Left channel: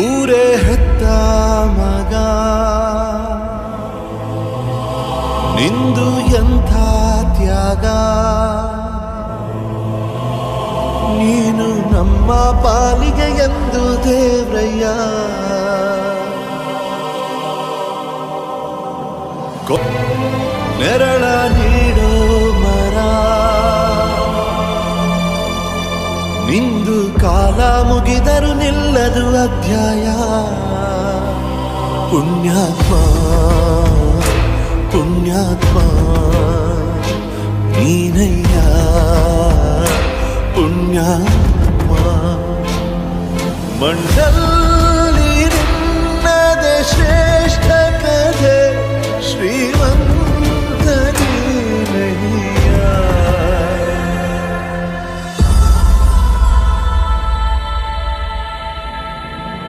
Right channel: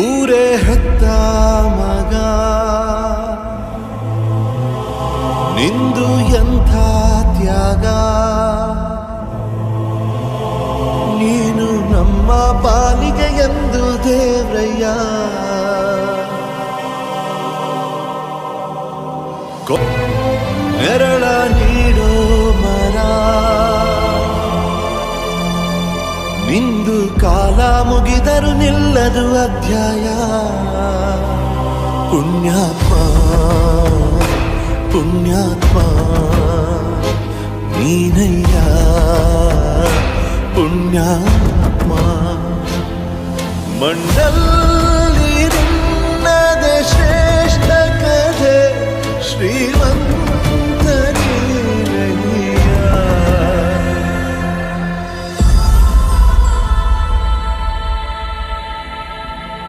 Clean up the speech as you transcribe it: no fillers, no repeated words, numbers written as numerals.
ಊರೇ ಹೆತ್ತ ಮಗ ನಿಂದು ಎಂಥ ತ್ಯಾಗ, ನೀನು ನಮ್ಮ ಪಾಲಿಗೆ ಎಂದು ದೇವ್ರಯ್ಯ. ನೆರಳ ನೀಡೋ ಮರ ನಿಂದು ಕಾಲ ಮುಗಿದರು ನಿಲ್ಲದು ಅಧ್ಯಾಯ. ಪುಣ್ಯಾತ್ಮ ಪುಣ್ಯಾತ್ಮ ನೀನಯ್ಯ ಪುಣ್ಯಾತ್ಮ. ಮಂಡಲ್ಲಿ ನಿನ್ನದೆ ಶ್ರೇಷ್ಠ ಕಥೆ ಶ್ರೀಮಂತ